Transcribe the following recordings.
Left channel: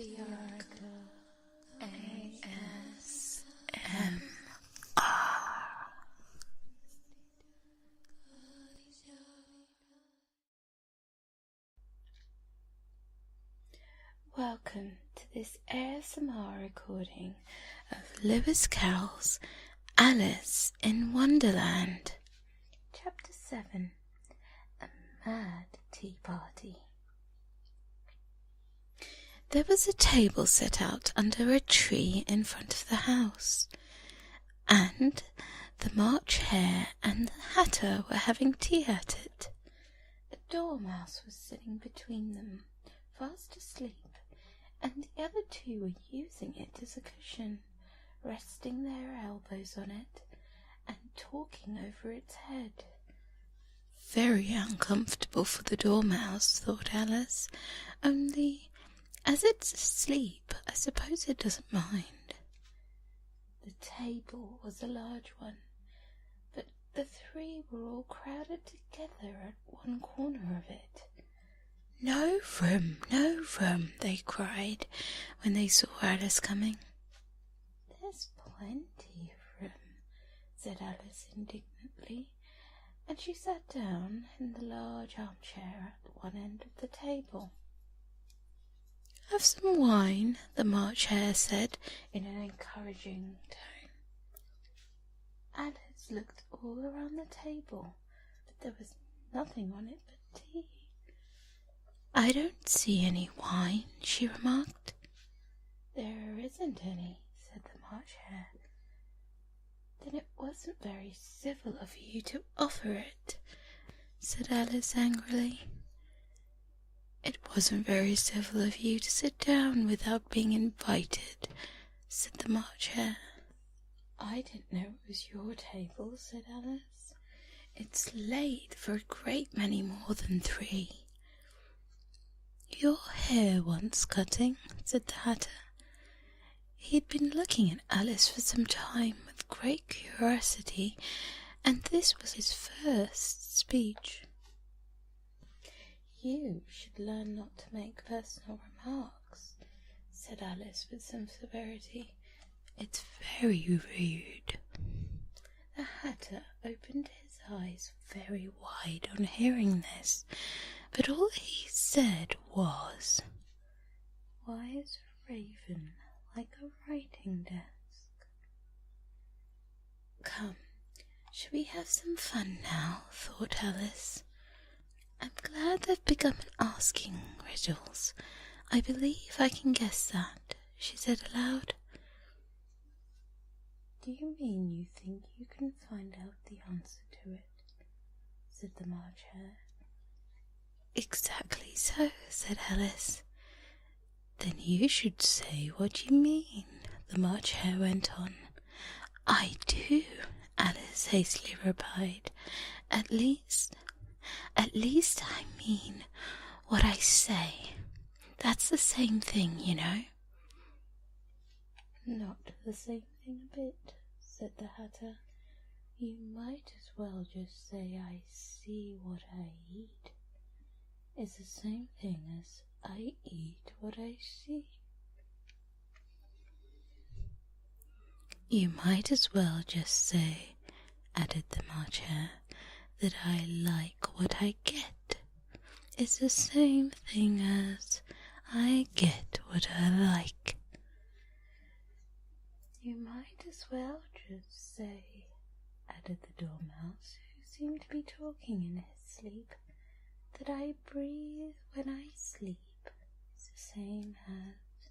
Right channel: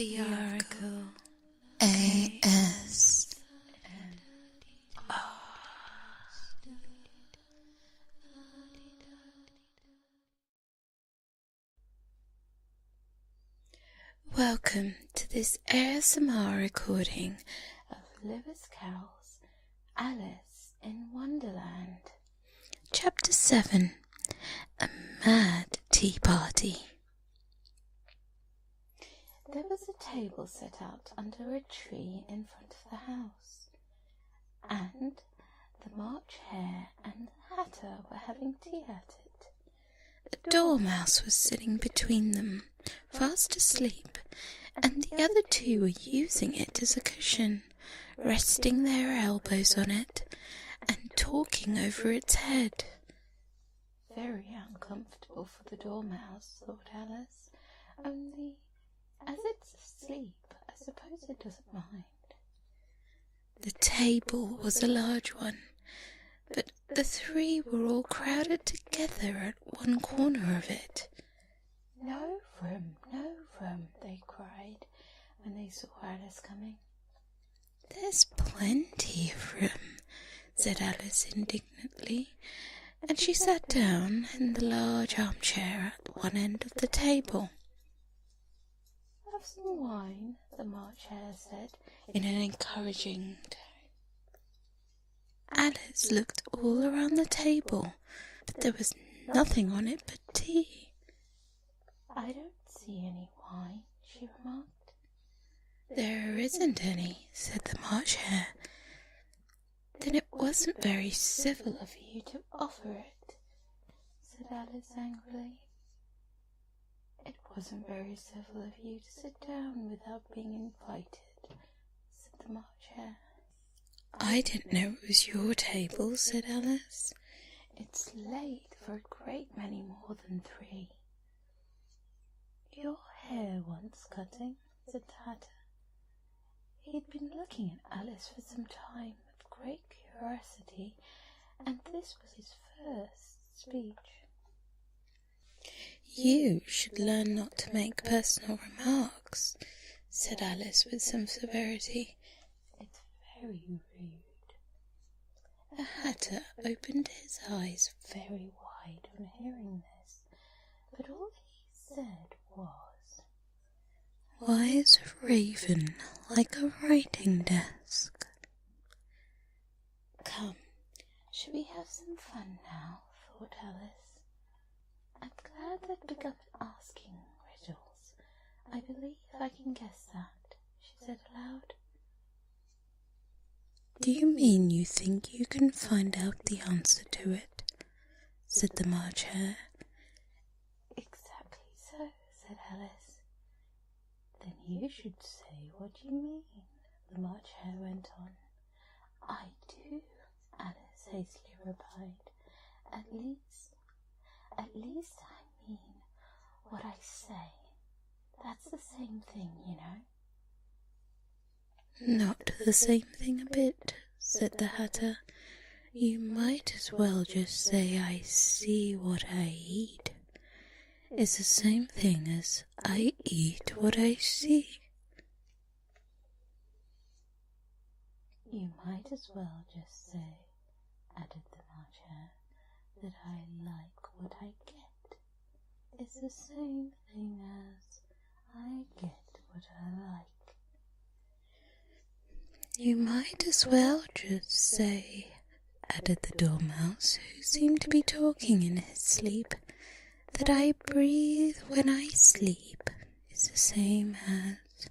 The Oracle ASMR. Welcome to this ASMR recording of Lewis Carroll's Alice in Wonderland, Chapter 7, A Mad Tea Party. There was a table set out under a tree in front of the house, and the March Hare and the Hatter were having tea at it. The Dormouse was sitting between them, fast asleep, and the other two were using it as a cushion, resting their elbows on it and talking over its head. Very uncomfortable for the Dormouse, thought Alice, only as it's asleep, I suppose it doesn't mind. The table was a large one, but the three were all crowded together at one corner of it. "No room, no room," they cried when they saw Alice coming. "There's plenty of room," said Alice indignantly, and she sat down in the large armchair at one end of the table. "Have some wine," the March Hare said in an encouraging tone. Alice looked all around the table, but there was nothing on it but tea. "I don't see any wine," she remarked. "There isn't any," said the March Hare. "Then it wasn't very civil of you to offer it," said Alice angrily. "It wasn't very civil of you to sit down without being invited," said the March Hare. "I didn't know it was your table," said Alice. "It's late for a great many more than 3. "Your hair wants cutting," said the Hatter. He had been looking at Alice for some time with great curiosity, and this was his first speech. "You should learn not to make personal remarks," said Alice with some severity. "It's very rude." The Hatter opened his eyes very wide on hearing this, but all he said was, "Why is a raven like a writing desk?" "Come, shall we have some fun now?" thought Alice. "I'm glad they've begun asking riddles. I believe I can guess that," she said aloud. "Do you mean you think you can find out the answer to it?" said the March Hare. "Exactly so," said Alice. "Then you should say what you mean," the March Hare went on. "I do," Alice hastily replied. At least I mean what I say. That's the same thing, you know." "Not the same thing a bit," said the Hatter. "You might as well just say I see what I eat. It's the same thing as I eat what I see." "You might as well just say," added the March Hare, "that I like what I get. It's the same thing as I get what I like." "You might as well just say," added the Dormouse, who seemed to be talking in his sleep, "that I breathe when I sleep is the same as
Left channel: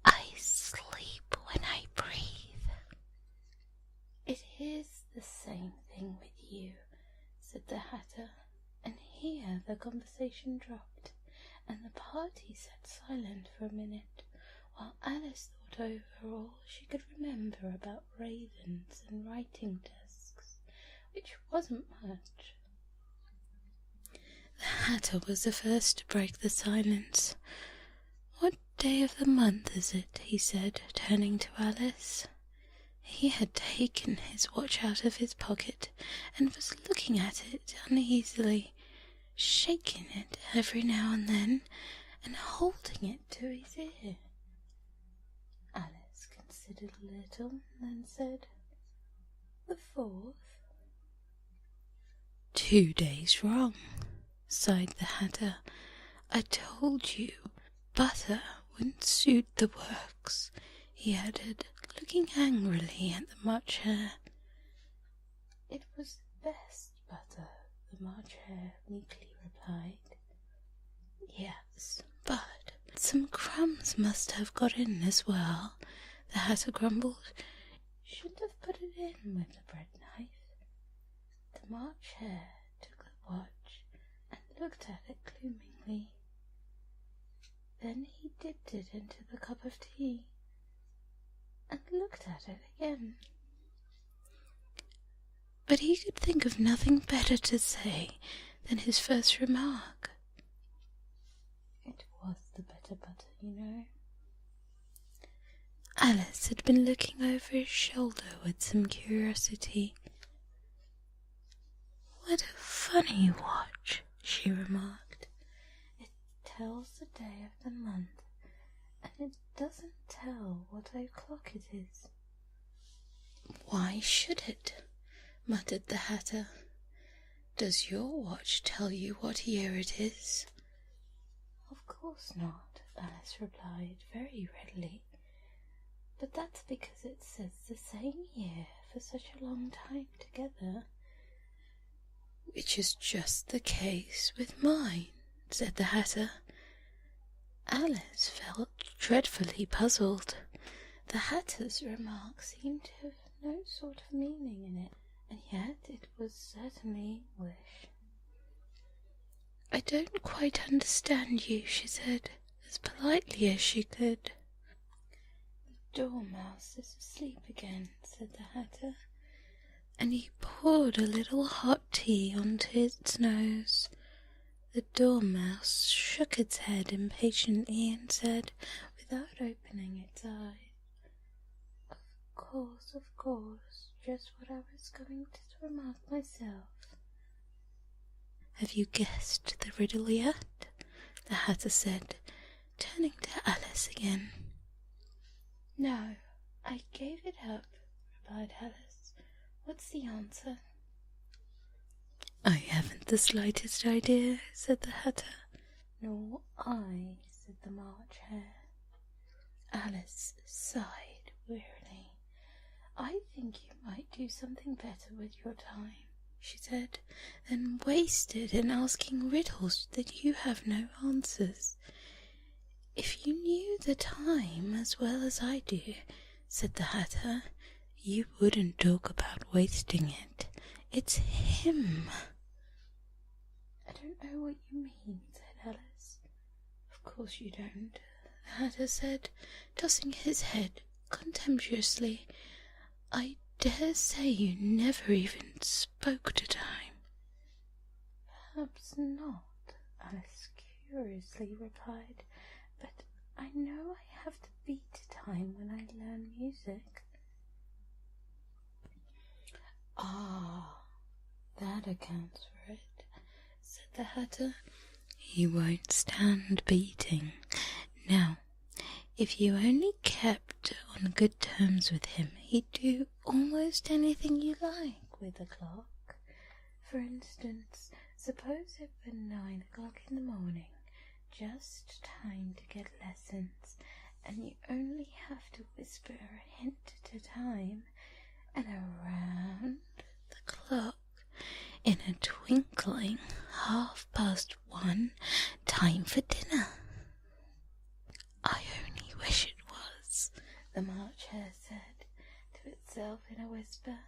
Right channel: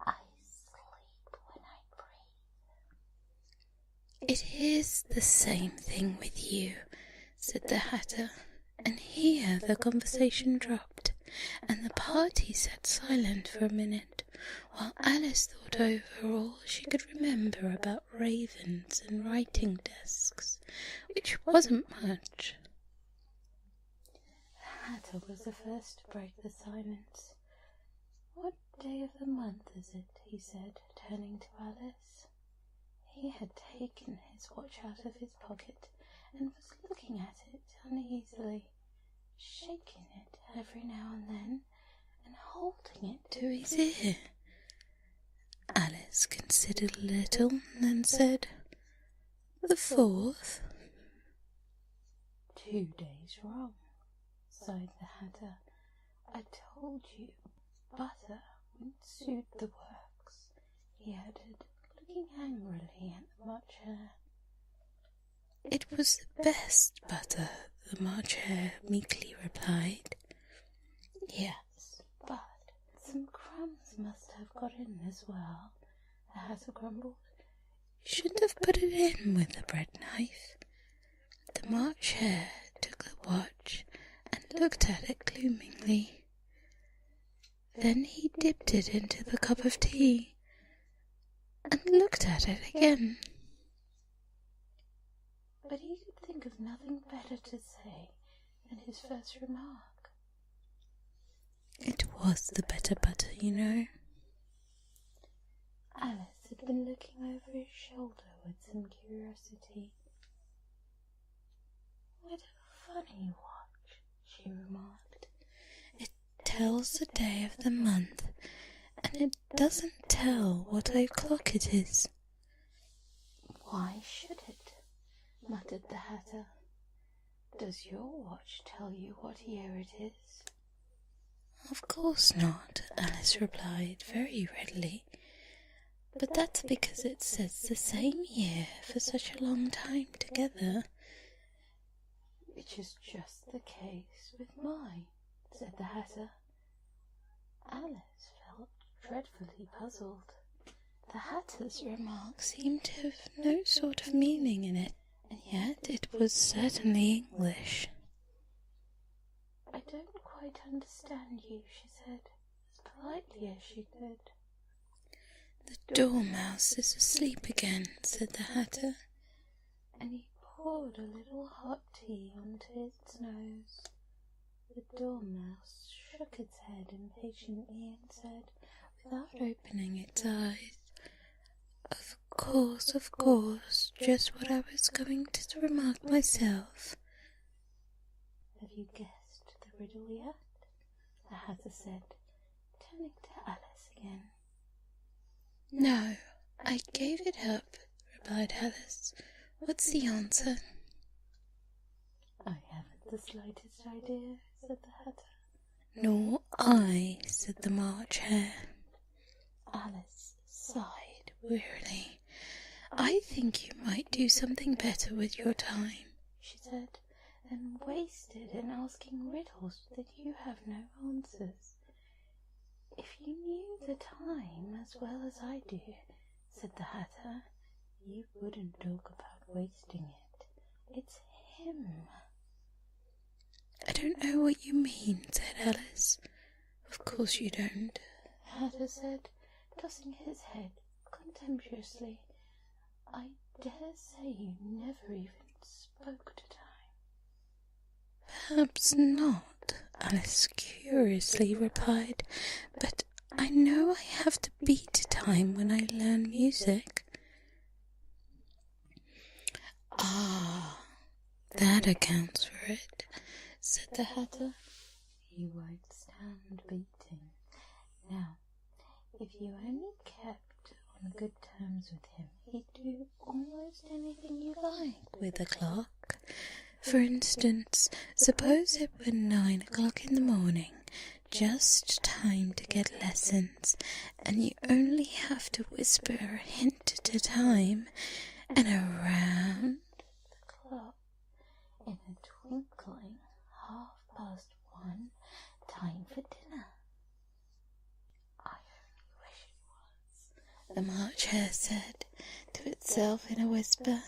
I sleep when I breathe." "It is the same thing with you," said the Hatter, and here the conversation dropped, and the party sat silent for a minute, while Alice thought over all she could remember about ravens and writing desks, which wasn't much. The Hatter was the first to break the silence. "What day of the month is it?" he said, turning to Alice. He had taken his watch out of his pocket and was looking at it uneasily, shaking it every now and then, and holding it to his ear. Alice considered a little and then said, "The 4th. 2 days wrong," sighed the Hatter. "I told you butter wouldn't suit the works," he added, looking angrily at the March Hare. "It was the best butter," the March Hare meekly replied. "Yes, but some crumbs must have got in as well," the Hatter grumbled. "You shouldn't have put it in with the bread knife." The March Hare took the watch and looked at it gloomingly. Then he dipped it into the cup of tea and looked at it again. But he could think of nothing better to say than his first remark. It was the better butter, you know. Alice had been looking over his shoulder with some curiosity. "What a funny watch," she remarked. "It tells the day of the month, and it doesn't tell what o'clock it is." "Why should it?" muttered the Hatter. "Does your watch tell you what year it is?" "Of course not," Alice replied very readily. "But that's because it says the same year for such a long time together." "Which is just the case with mine," said the Hatter. Alice felt dreadfully puzzled. The Hatter's remark seemed to have no sort of meaning in it, and yet it was certainly English. "I don't quite understand you," she said, as politely as she could. "The dormouse is asleep again," said the Hatter, and he poured a little hot tea onto its nose. The dormouse shook its head impatiently and said, without opening its eyes, Of course, just what I was going to remark myself." "Have you guessed the riddle yet?" the Hatter said, turning to Alice again. "No, I gave it up," replied Alice. "What's the answer?" "I haven't the slightest idea," said the Hatter. "Nor I," said the March Hare. Alice sighed wearily. "I think you might do something better with your time," she said, "than waste it in asking riddles that you have no answers." "If you knew the time as well as I do," said the Hatter, "you wouldn't talk about wasting it. It's him." "I don't know what you mean," said Alice. "Of course you don't," the Hatter said, tossing his head contemptuously. "I dare say you never even spoke to time." "Perhaps not," Alice curiously replied, "but I know I have to beat time when I learn music." "Ah, that accounts for it," said the Hatter. "You won't stand beating. Now, if you only kept on good terms with him, he'd do almost anything you like with a clock. For instance, suppose it were 9 o'clock in the morning, just time to get lessons, and you only have to whisper a hint at a time, and around the clock, in a twinkling, 1:30, time for dinner." "I only wish it was," the March Hare said to itself in a whisper.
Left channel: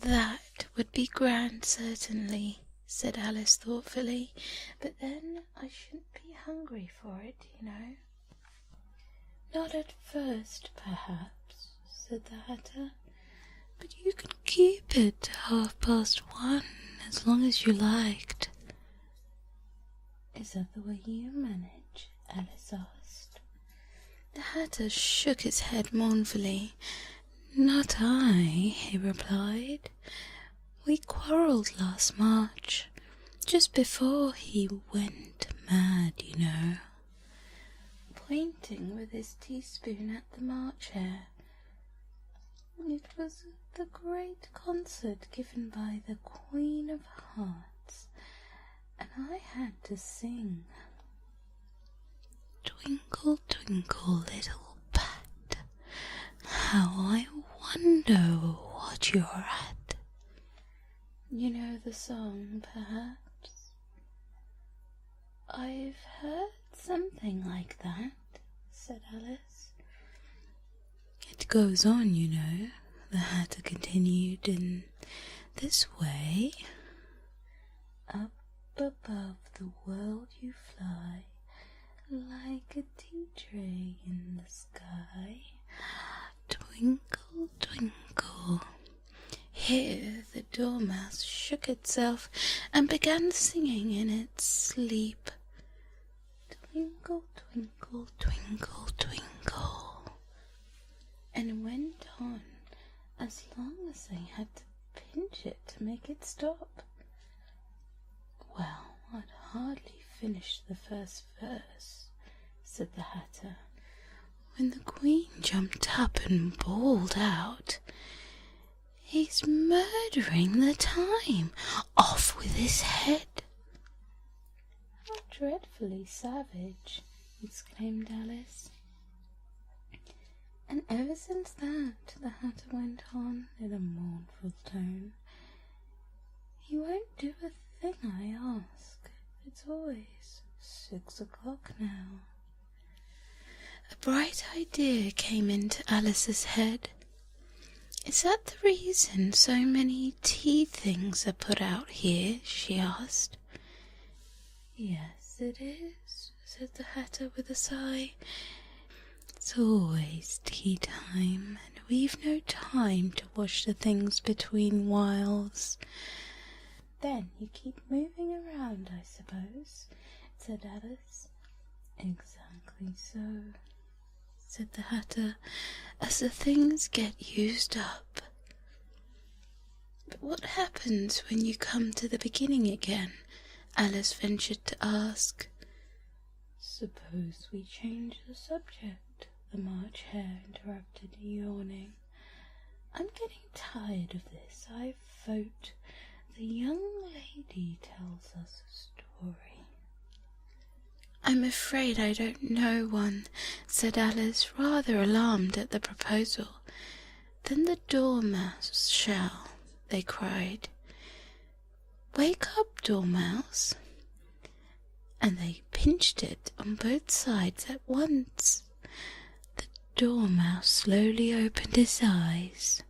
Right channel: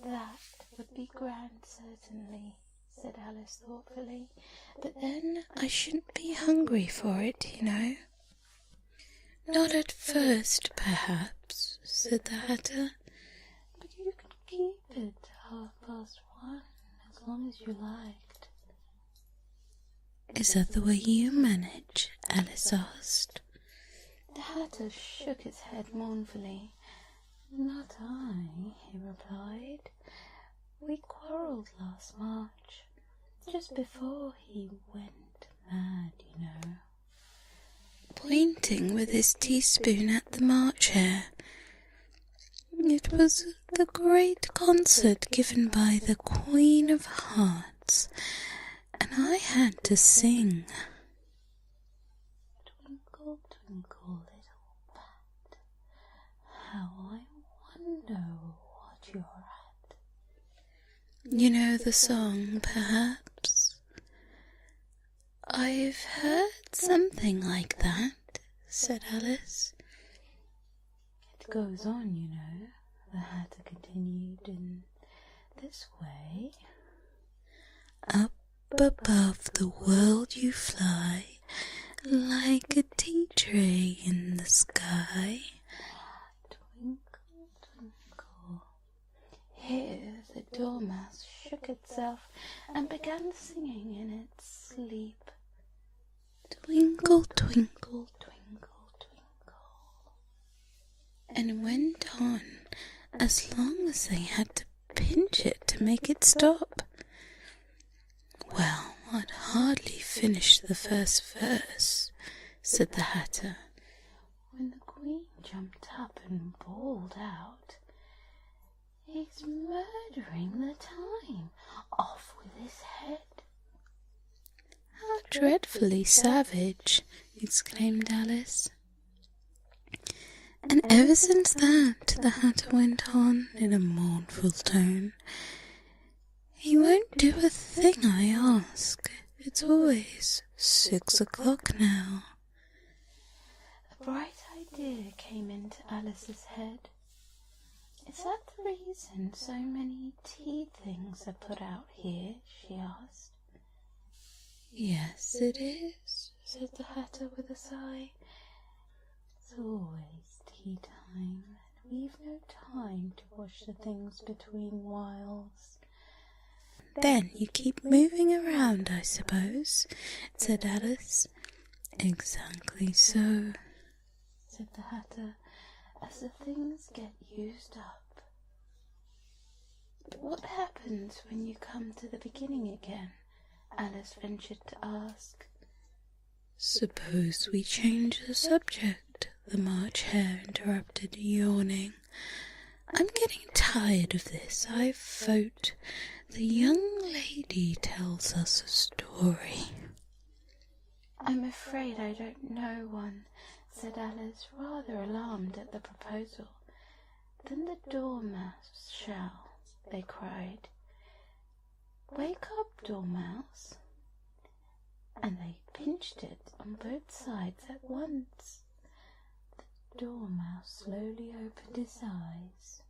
"That would be grand, certainly," said Alice thoughtfully, "but then I shouldn't be hungry for it, you know." "Not at first, perhaps," said the Hatter, "but you could keep it to 1:30 as long as you liked." "Is that the way you manage?" Alice asked. The Hatter shook his head mournfully. "Not I," he replied. "We quarrelled last March, just before he went mad, you know, pointing with his teaspoon at the March Hare. It was the great concert given by the Queen of Hearts, and I had to sing. Twinkle, twinkle, little bat, how I wonder what you're at. You know the song, perhaps? I've heard something like that, said Alice. It goes on, you know, the Hatter continued, in this way. Up above the world you fly, like a tea tray in the sky. Twinkle, twinkle. Here the dormouse shook itself and began singing in its sleep. Twinkle, twinkle, twinkle, twinkle. And went on as long as they had to pinch it to make it stop. Well, I'd hardly finished the first verse, said the Hatter, when the Queen jumped up and bawled out, He's murdering the time. Off with his head. How dreadfully savage, exclaimed Alice. And ever since that, the Hatter went on in a mournful tone, he won't do a thing I ask. It's always 6 o'clock now. A bright idea came into Alice's head. Is that the reason so many tea things are put out here? She asked. Yes, it is, said the Hatter with a sigh. It's always tea time, and we've no time to wash the things between whiles. Then you keep moving around, I suppose, said Alice. Exactly so, said the Hatter, as the things get used up. But what happens when you come to the beginning again? Alice ventured to ask. Suppose we change the subject, the March Hare interrupted, yawning. I'm getting tired of this. I vote the young lady tells us a story. I'm afraid I don't know one, said Alice, rather alarmed at the proposal. Then the Dormouse shall, they cried. Wake up, Dormouse. And they pinched it on both sides at once. The Dormouse slowly opened his eyes.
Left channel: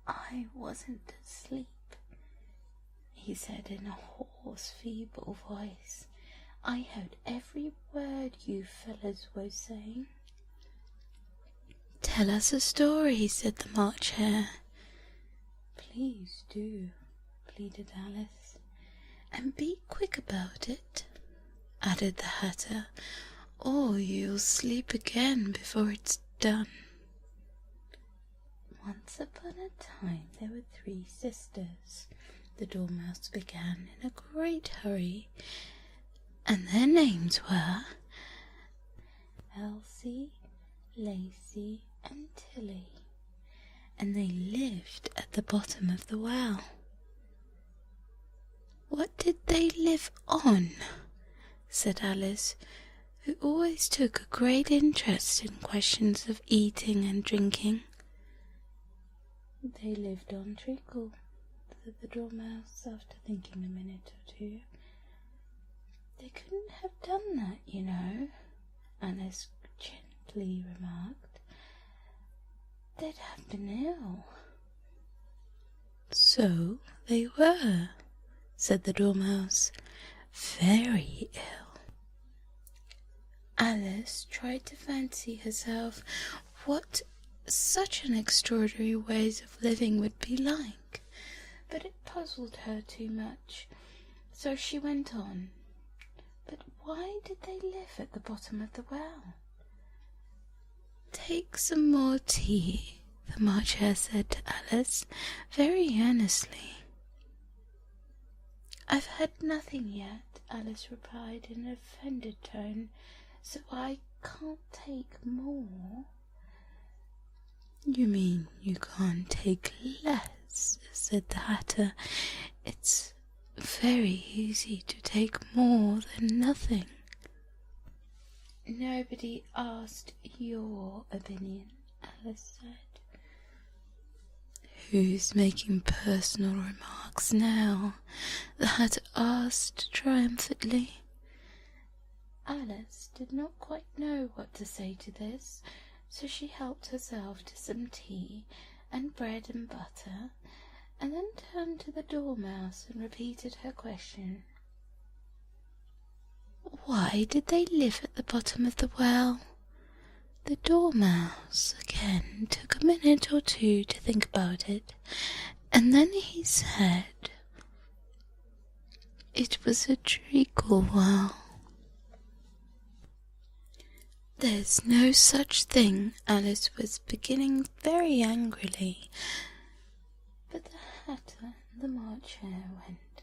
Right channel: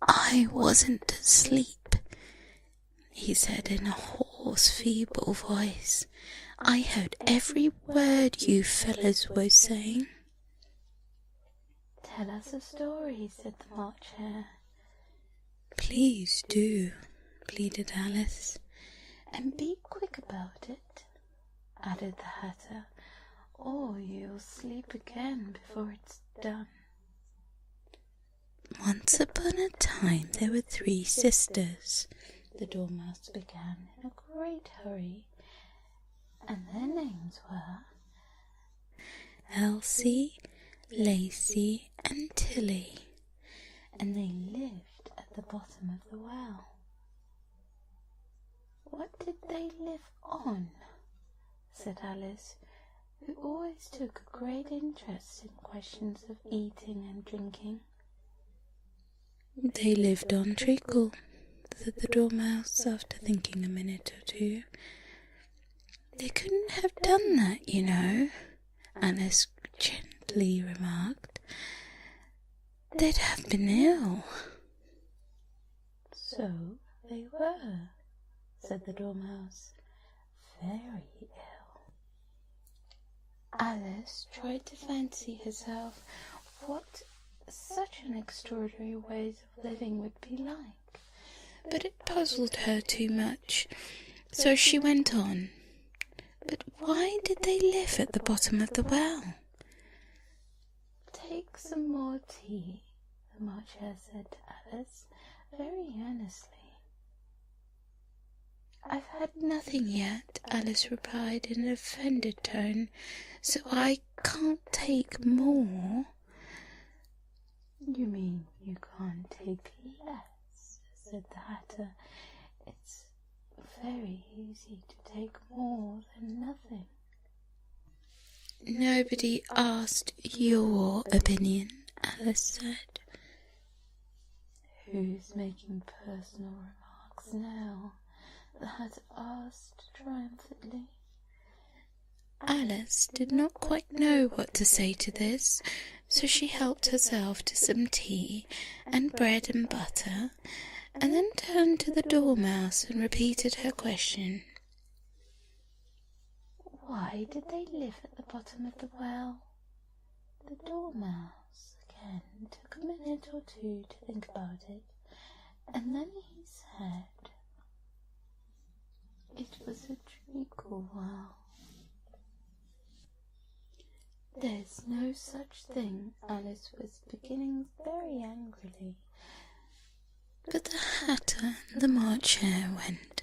I wasn't asleep, he said in a hoarse, feeble voice. I heard every word you fellows were saying. Tell us a story, said the March Hare. Please do, pleaded Alice. And be quick about it, added the Hatter, or you'll sleep again before it's done. Once upon a time there were 3 sisters, the Dormouse began in a great hurry, and their names were Elsie, Lacy, and Tilly, and they lived at the bottom of the well. What did they live on? Said Alice, who always took a great interest in questions of eating and drinking. They lived on treacle, said the Dormouse after thinking a minute or two. They couldn't have done that, you know, Alice gently remarked. They'd have been ill. So they were, said the Dormouse, very ill. Alice tried to fancy herself what such an extraordinary ways of living would be like, but it puzzled her too much, so she went on. But why did they live at the bottom of the well? Take some more tea, the March Hare said to Alice very earnestly. "I've had nothing yet," Alice replied in an offended tone, "so I can't take more." "You mean you can't take less?" said the Hatter. "It's very easy to take more than nothing." "Nobody asked your opinion," Alice said. "Who's making personal remarks now?" the Hatter asked triumphantly. Alice did not quite know what to say to this, so she helped herself to some tea and bread and butter, and then turned to the Dormouse and repeated her question. Why did they live at the bottom of the well? The Dormouse again took a minute or two to think about it, and then he said, "It was a treacle well." "There's no such thing," Alice was beginning very angrily, but the Hatter and the March Hare went,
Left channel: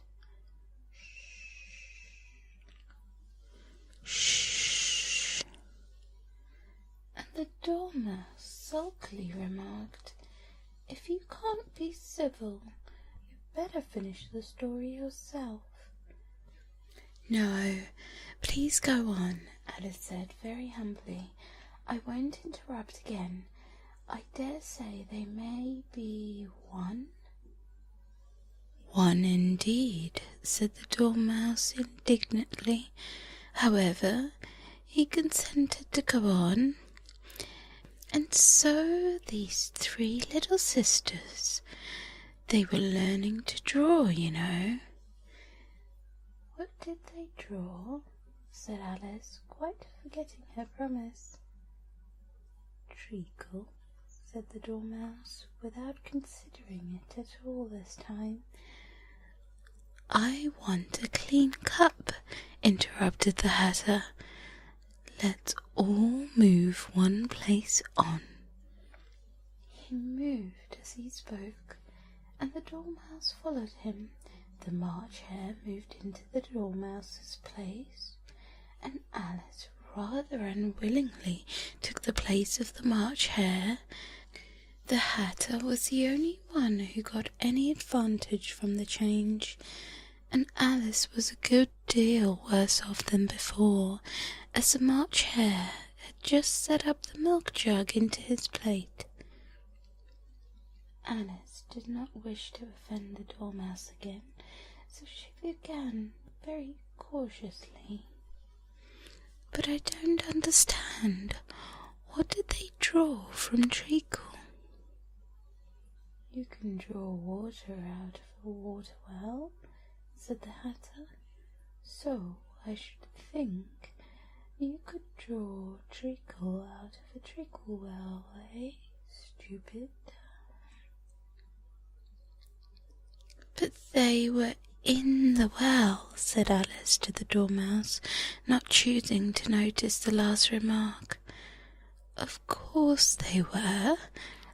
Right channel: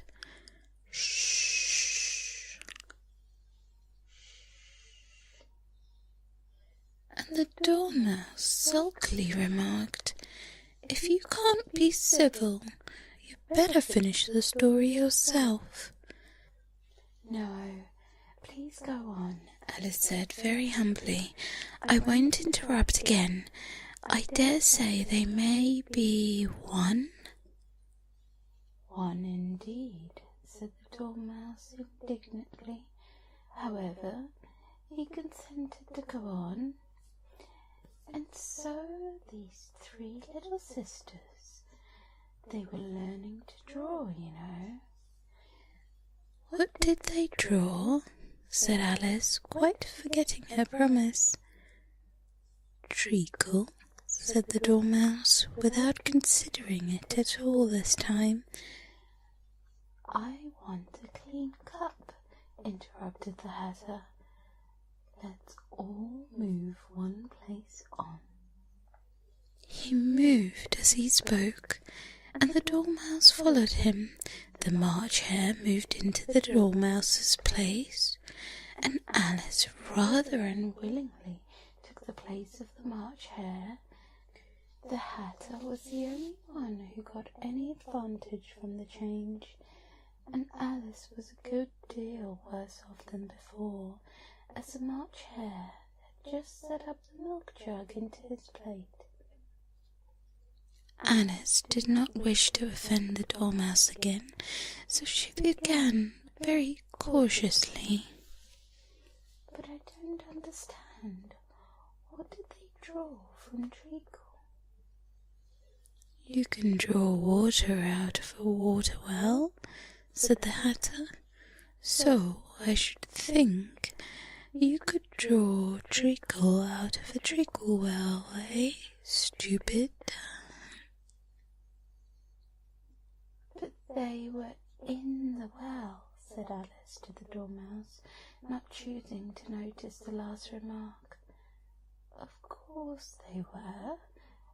"Shh, shh," and the Dormouse sulkily remarked, "If you can't be civil, you'd better finish the story yourself." "No, please go on," Alice said very humbly. "I won't interrupt again. I dare say they may be one." "One indeed," said the Dormouse indignantly. However, he consented to go on. "And so these three little sisters, they were learning to draw, you know." "What did they draw?" said Alice, quite forgetting her promise. "Treacle," said the Dormouse, without considering it at all this time. "I want a clean cup," interrupted the Hatter. "Let's all move one place on." He moved as he spoke, and the Dormouse followed him. The March Hare moved into the Dormouse's place, and Alice rather unwillingly took the place of the March Hare. The Hatter was the only one who got any advantage from the change, and Alice was a good deal worse off than before, as the March Hare had just set up the milk jug into his plate. Alice did not wish to offend the Dormouse again, so she began very cautiously. "But I don't understand. What did they draw from treacle?" "You can draw water out of a water well," said the Hatter. "So I should think you could draw treacle out of a treacle well, eh, stupid?" "But they were in the well," said Alice to the Dormouse, not choosing to notice the last remark. "Of course they were,"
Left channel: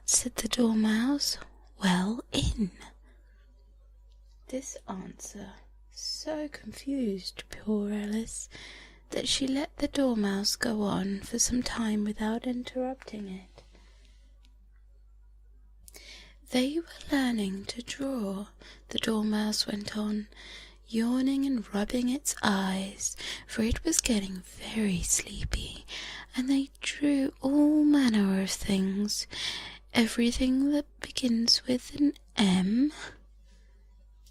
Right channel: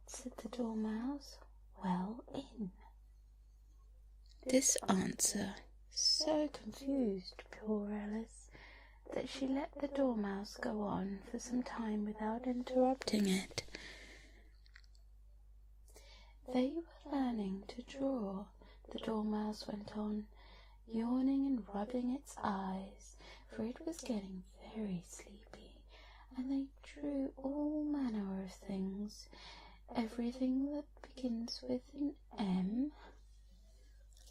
said the Dormouse. "Well in." This answer so confused poor Alice that she let the Dormouse go on for some time without interrupting it. "They were learning to draw," the Dormouse went on, yawning and rubbing its eyes, for it was getting very sleepy, "and they drew all manner of things, everything that begins with an M."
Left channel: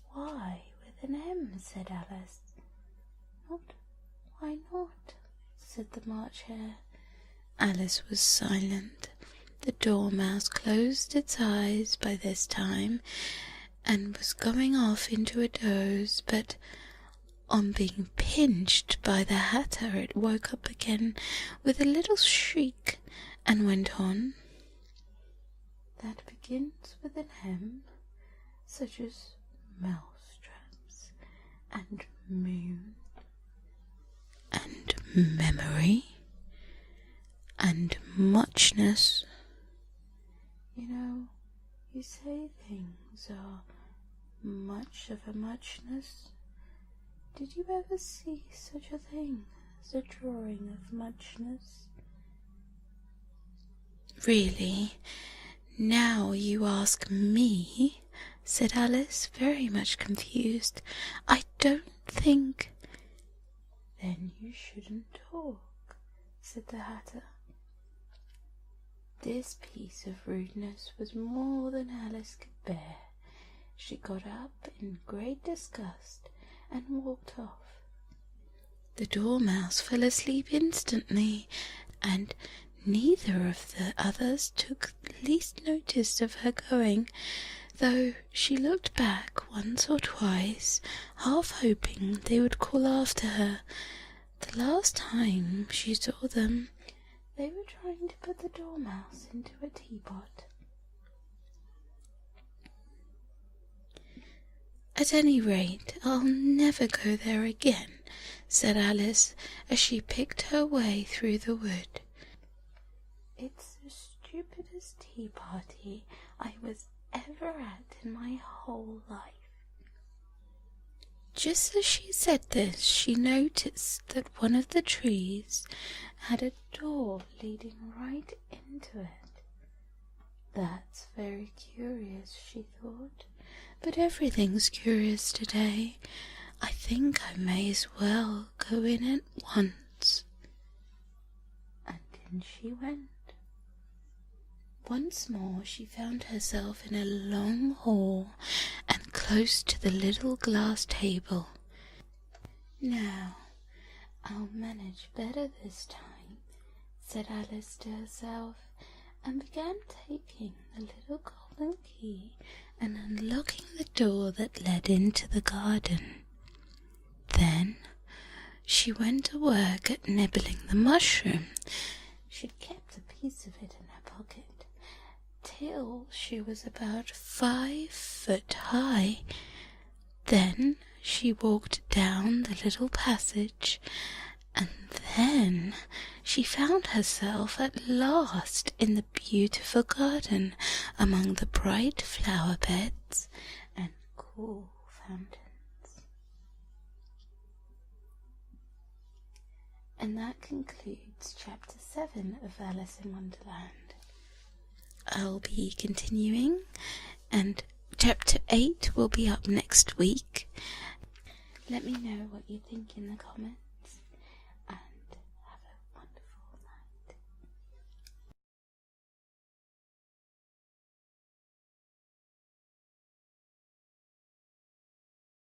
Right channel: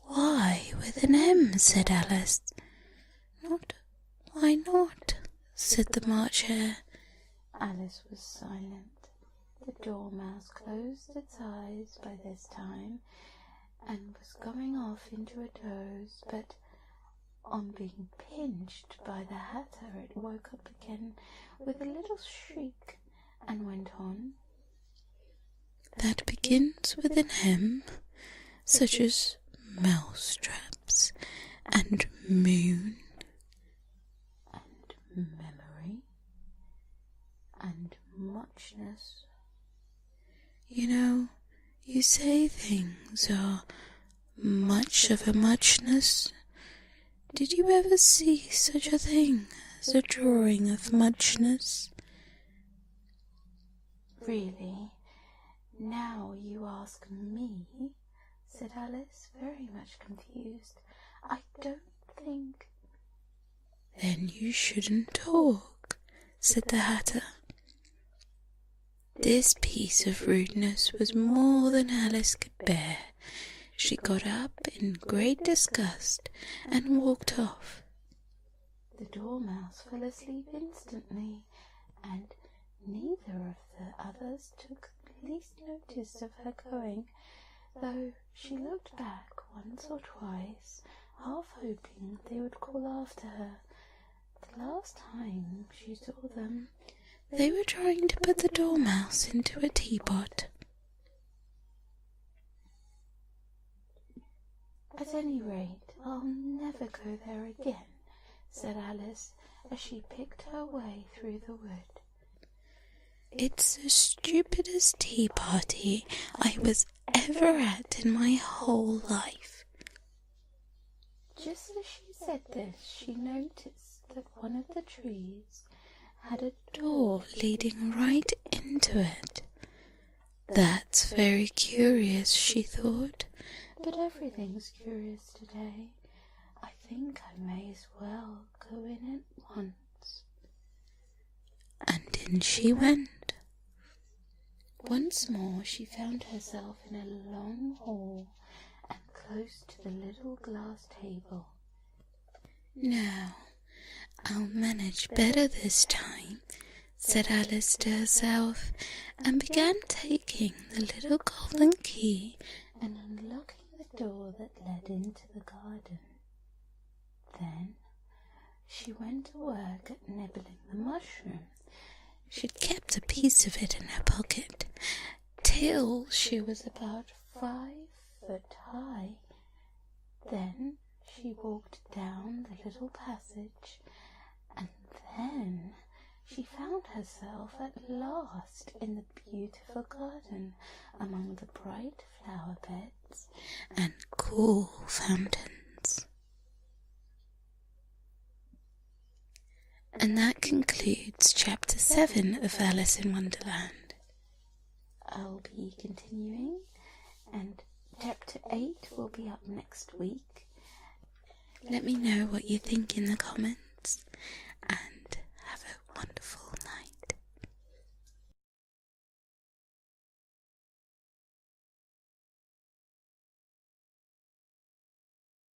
"Why with an M?" said Alice. "Why not?" said the March Hare. Alice was silent. The Dormouse closed its eyes by this time, and was going off into a doze, but on being pinched by the Hatter it woke up again with a little shriek, and went on. "That begins with an M, such as mousetraps, and moon, and memory, and muchness. You know, you say things are much of a muchness, Did you ever see such a thing as a drawing of muchness? Really, now you ask me, said Alice, very much confused. I don't think. Then you shouldn't talk, said the Hatter. This piece of rudeness was more than Alice could bear. She got up in great disgust and walked off. The Dormouse fell asleep instantly, and neither of the others took the least notice of her going, though she looked back once or twice, half hoping they would call after her. The last time she saw them, they were trying to put the Dormouse into a teapot. At any rate, I'll never go there again, said Alice, as she picked her way through the wood. It's the stupidest tea party I was ever at in my whole life. Just as she said this, she noticed that one of the trees had a door leading right into it. That's very curious, she thought, but everything's curious today. I think I may as well go in at once. And in she went. Once more she found herself in a long hall and close to the little glass table. Now, I'll manage better this time, said Alice to herself, and began taking the little golden key and unlocking the door that led into the garden. Then she went to work at nibbling the mushroom. She'd kept a piece of it in her pocket till she was about 5 foot high. Then she walked down the little passage, and then she found herself at last in the beautiful garden among the bright flower beds and cool fountains. And that concludes Chapter 7 of Alice in Wonderland. I'll be continuing, and Chapter 8 will be up next week. Let me know what you think in the comments.